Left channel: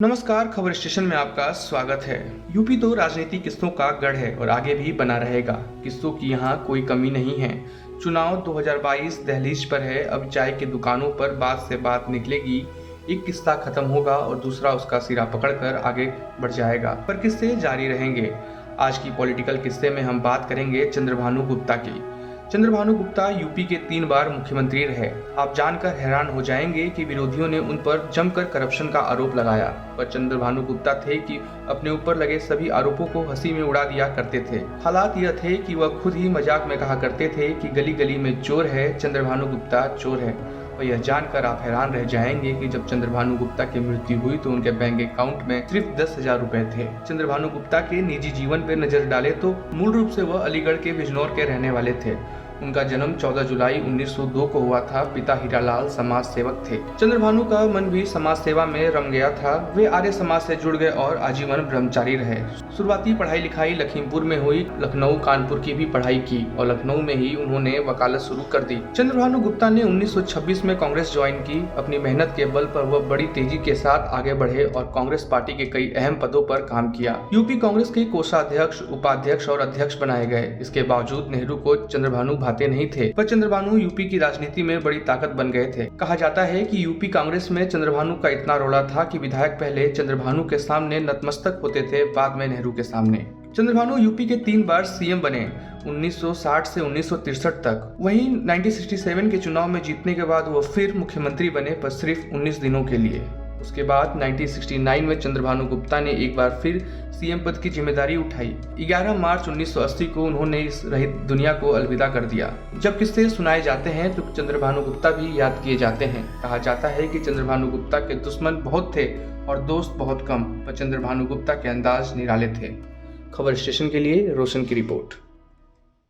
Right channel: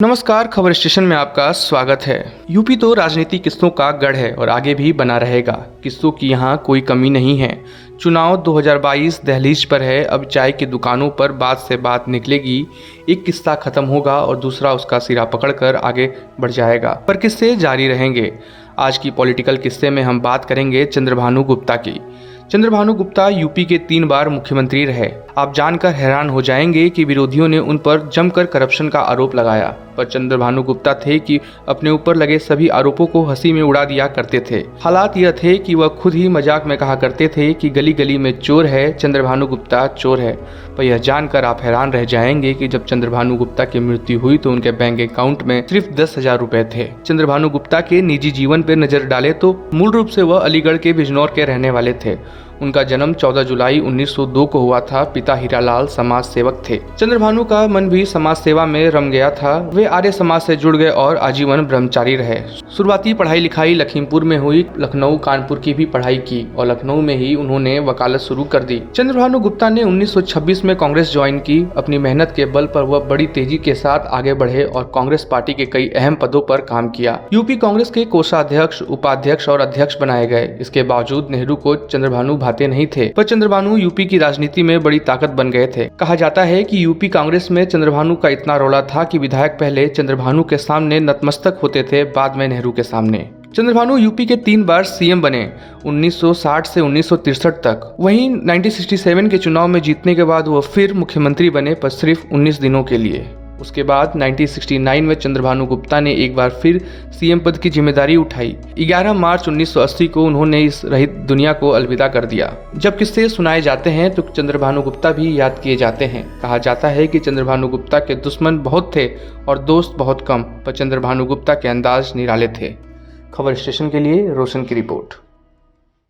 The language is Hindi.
नमस्कार, खबर स्टेशन में आपका स्वागत है। यूपी तो राजनीति किस्सों का गढ़ है और आगे भी बना रहेगा। किस्सों की यहाँ कोई कमी नहीं है। चुनाव 2022 दहलीज पर है। अब चाय की दुकानों पर बात से बात निकलेगी। एक किस्सा खत्म होगा और दूसरा उसका सिरा पकड़कर आगे बढ़ जाएगा, पर किस्से जारी रहेंगे। आज की पॉलिटिकल किस्से में हम बात करेंगे चंद्रभानु गुप्ता की। चंद्रभानु गुप्ता यूपी के 3 बार मुख्यमंत्री रहे। आप जानकर हैरान हो जाएंगे कि विरोधियों ने उन पर जमकर करप्शन का आरोप लगाया, पर चंद्रभानु गुप्ता थे कि अपने ऊपर लगे सभी आरोपों को हंसी में उड़ा दिया करते थे। हालात यह थे कि वह खुद ही मजाक में कहा करते थे कि गली गली में चोर है, चंद्रभानु गुप्ता चोर है। पर यह जानकर आप हैरान रह जाएंगे कि जब चंद्रभानु गुप्ता की मृत्यु हुई तो उनके बैंक अकाउंट में सिर्फ 10,000 रुपए थे। चंद्रभानु गुप्ता के निजी जीवन पर नजर डाले तो मूल रूप से वह अलीगढ़ के बिजनौर के रहने वाले थे। उनका जन्म 14 जुलाई 1902 को हुआ था। पिता हीरालाल समाज सेवक थे। चंद्रभानु का मन भी समाज सेवा में रम गया था। वे आर्य समाज से जुड़ गए और आजीवन ब्रह्मचारी रहे। शुरुआती पढ़ाई लिखाई लखीमपुर में हुई। लखनऊ कानपुर की भी पढ़ाई की और लखनऊ में ही उन्होंने वकालत शुरू कर दी। चंद्रभानु गुप्ता ने 1926 में कांग्रेस ज्वाइन की। अपनी मेहनत के बल पर वह बड़ी तेजी के साथ आगे बढ़े और कांग्रेस पार्टी के कई अहम पदों पर काम किया। यूपी कांग्रेस के कोषाध्यक्ष, उपाध्यक्ष और अध्यक्ष बनाए गए। इसके बावजूद नेहरू को चंद्रभानु भाते नहीं थे, पर चंद्रभानु यूपी की राजनीति में बड़ी ताकत बन गए थे। कहा जाता है कि यूपी कांग्रेस में चंद्रभानु का इतना रौला था कि विधायक पहले चंद्रभानु के सामने नतमस्तक होते थे, बाद में नेहरू के सामने। चंद्रभानु यूपी के 3 बार सीएम बने, 1960 से 1963 तक। वहीं 1967 के चुनाव में जीतने के बाद वो फिर मुख्यमंत्री बने, पर सिर्फ 19 दिनों के लिए। उसके बाद 1969 में चंद्रभानु गुप्ता ने एक बार फिर सीएम पद की जिम्मेदारी उठाई। 11 मार्च 1980 को उन्होंने इस रहित दुनिया को अलविदा कर दिया। जब किस्से सुनाए जाते हैं तो चंद्रभानु गुप्ता भी याद किए जाते हैं। कहा जाता है कि चंद्रभानु गुप्ता के दुश्मन बहुत थे और दोस्त बहुत कम, पर चंद्रभानु गुप्ता के अंदाज निराले थे। खबर स्टेशन के लिए रोशन की रिपोर्ट।